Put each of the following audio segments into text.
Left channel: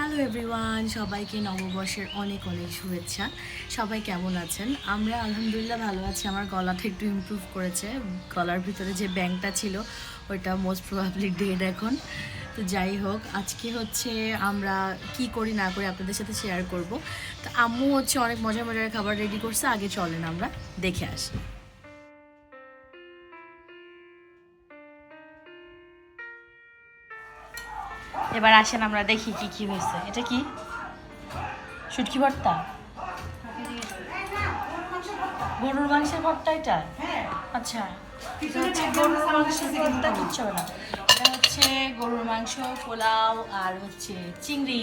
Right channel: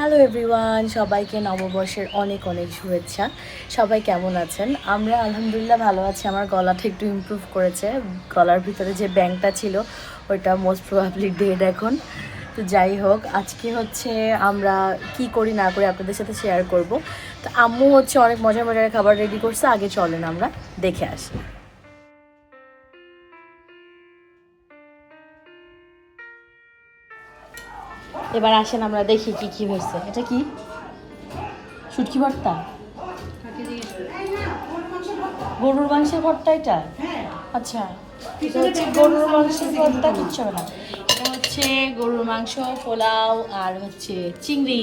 Hello everyone, সবাইকে নববর্ষের অনেক অনেক শুভেচ্ছা। সবাই কেমন আছেন? আমরা আলহামদুলিল্লাহ ভালো আছি। আমার গলাটা একটু ইমপ্রুভ করেছে। গলার ভিতরে যে ব্যাংকটা ছিল, ওইটা মোস্ট প্রবাবলি ডেড এখন। তো যাই হোক, আজকে হচ্ছে আমরা কি করি না করি আপনাদের সাথে শেয়ার করব। তো আম্মু হচ্ছে অনেক মজার মজার খাবার রেডি করছে। আগে চলেন আমরা দেখে আসি। এবার আসেন আমরা দেখি কি কি হয়েছে। এটা কি? শুটকি ভর্তা? গরুর মাংসের ভর্তা এটা? আচ্ছা এটা হচ্ছে গরুর মাংসের ভর্তা কিচ্ছু হবে না। এটা হচ্ছে গরুর মাংস পোলাও আর হচ্ছে চিংড়ি।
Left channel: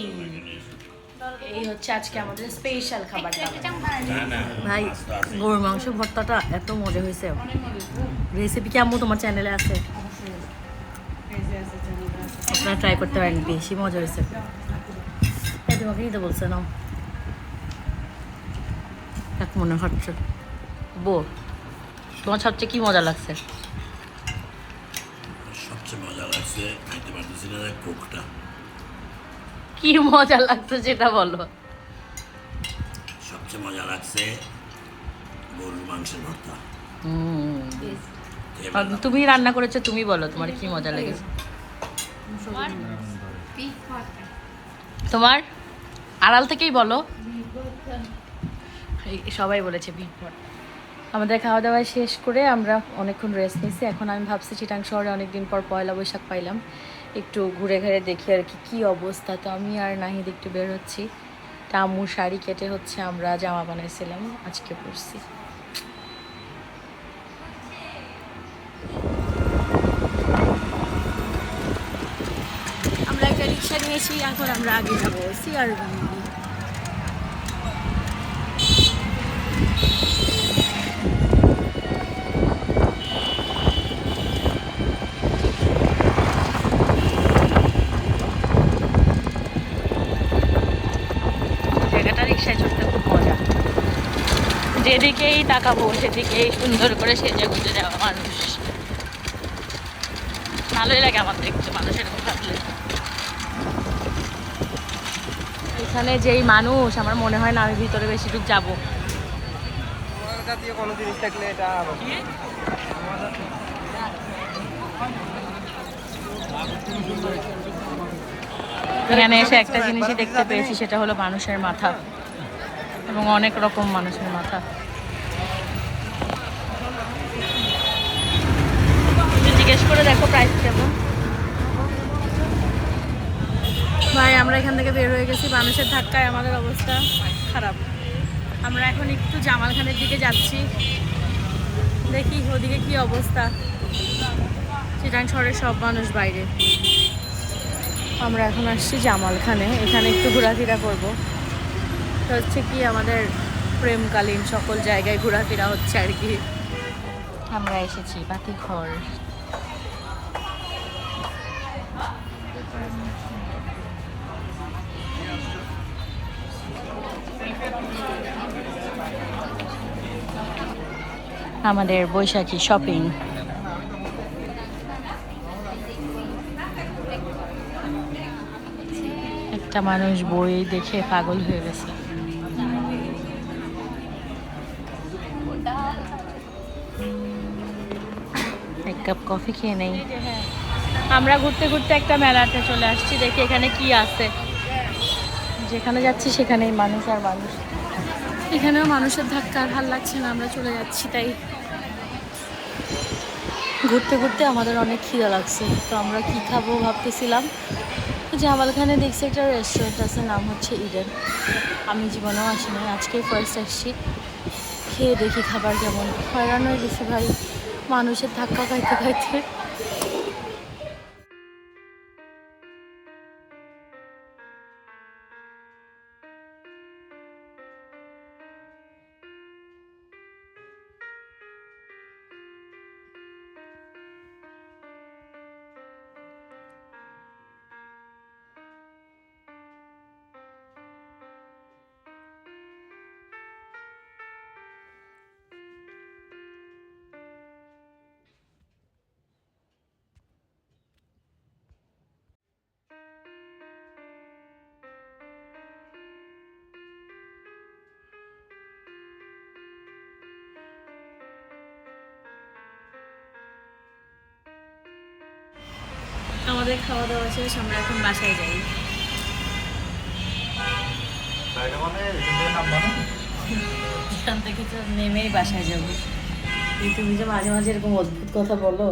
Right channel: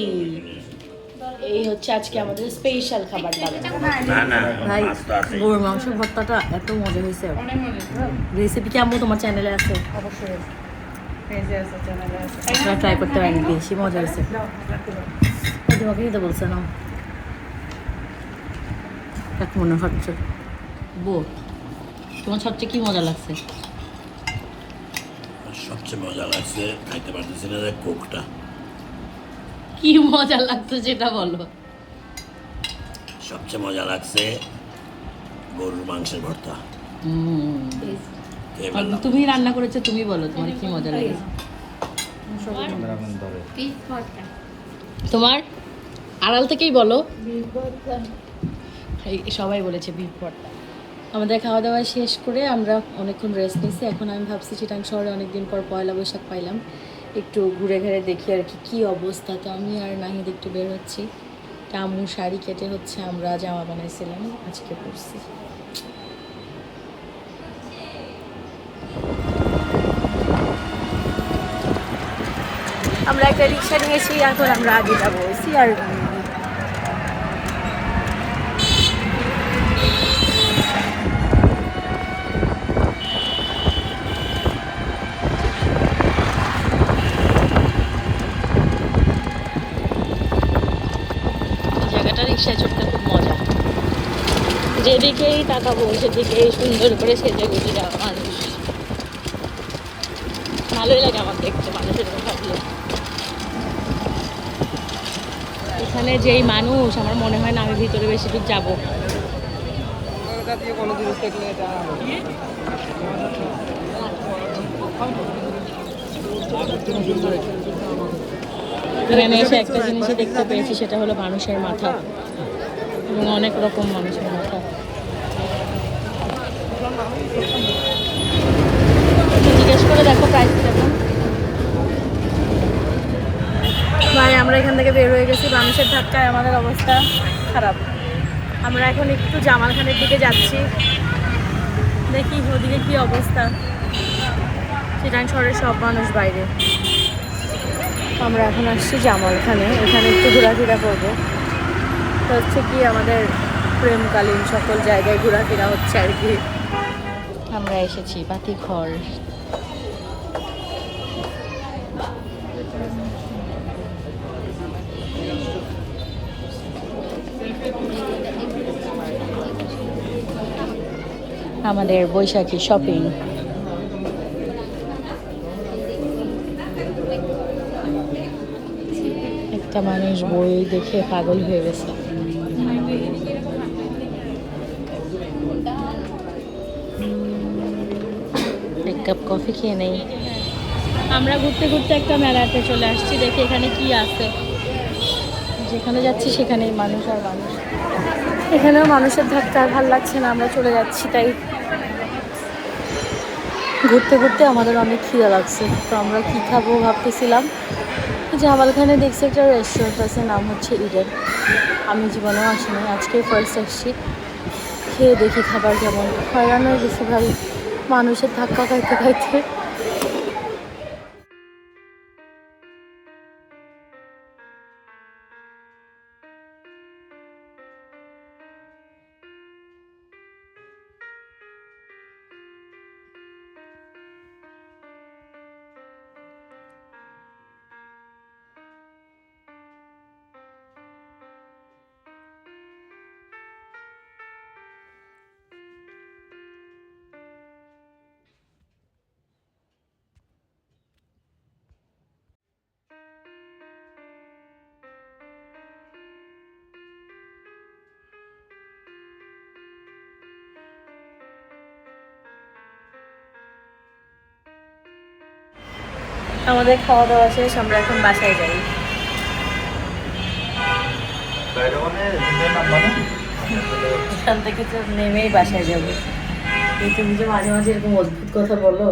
এই হচ্ছে আজকে আমাদের স্পেশাল খাবার দাবার। না না ভাই গরুর মাংস ভর্তাটা এত মজা হয়েছে। রেসিপি কি আম্মু তোমার চ্যানেলে আছে। আপনারা ট্রাই করতে পারেন বেশি মজা হয়েছে। এই তোমাকে বলছে না এক মনে হচ্ছে। বো তোমার সবচেয়ে কি মজা লাগছে? সবচেয়ে মজা লাগছে খাইতে পারতেছি না কোকটা। কি মজা লাগতো সেটা বলো। সবচেয়ে মজা লাগছে গরুর মাংসের ভর্তা। হুম। তুমি রান্না করেছ তুমি বলো তোমার কি মজা লেগেছে? তোমার আড়াল থেকেই বলো। সবাই বলেছে বিট ভর্তা। আমাদের খাওয়া দাওয়া শেষ করে আমরা অনেকক্ষণ রেস্ট নিয়েছি। এখন আমি ভাবছি চিটাং শহরে অনেকদিন পর পয়লা বৈশাখ পাইলাম। একটু ঘুরে ঘুরে দেখি আর কি কী অবস্থা। তো আমি আর নাহিদ একটু বের হচ্ছি। তা আম্মু শাড়ি কেটে হচ্ছে আমরা জামা বানাইছিলাম আজকে পরছি। আমরা একটা রিক্সা নিয়েছি, এখন আমরা আগে যাব। সিআর যেদিকেই তাকাবো, সেদিকেই সুন্দর করে সেজে গুজে যাওয়া মানুষ। ভালোই লাগে আমার দেখতে, মানুষের থাকলে এখানে যেই মানুষ, আমার মনে হয় না আমি ভিতরে বেশি দূর যাব। এখানে এসে একটা জিনিসই দেখতে পেয়েছি, সেটা হলো মানুষের মাথা। এবং অনেক রকম মানুষের মাথা একটু জিজ্ঞেস করে দেখো প্রাইস কেমন ভাই আমরা এখান গেছি মানুষের ধাক্কায় আমাদের অবস্থা খারাপ। আমরা এখন একটু জামালখানের দিকে যাচ্ছি। দেখি ওদিকে কি অবস্থা। চিটাং শহরের সব মানুষ বাইরে। আমরা এখন আসছি জামালখানে। এখানে একটু ঘোরাফেরা করব। তো হচ্ছে কি, আমাদের প্রেমকালীন সকল জায়গায় ঘোরাফেরা হচ্ছে আর কি। আমরা এসেছি বাতি ঘর। আমাদের বৈশাখী শপিং একটা মানুষ বই দেখে পাগল হয়ে গেছে। এক কাপ কফি খেয়ে নেই। আমরা ঘুরতে ঘুরতে একটা মেলাতে চলে আসছি, দেখি এখানে কি আছে। যেখানে যাচ্ছি সেখানেই মানুষ আর মানুষ। এখানেও মানুষের ধাক্কা আর ভালো লাগছে না, আমরা চলে যাচ্ছি তাই। ঘুরতে ঘুরতে আমাদের অনেক খিদা লাগছে, তো আমরা কি খাব ভাবতেছিলাম জামালখানে দেখছি একটা রেস্টুরেন্ট আছে, নাম হচ্ছে ইডেন আমি জীবনেও আসিনি, আজকেই ফার্স্ট আসছি। খেয়ে দেখি খাবার কেমন। হয়রান হয়ে গেছি ভাই, মানুষের ধাক্কা খাইতে খাইতে। আমাদের খাওয়া দাওয়া শেষ, আমরা এখন বাসায় যাই। এখান থেকে তো নেমেই বাসায় যাব। তুমি যে মাঝে মাঝে এরকম অদ্ভুত কথা বলো।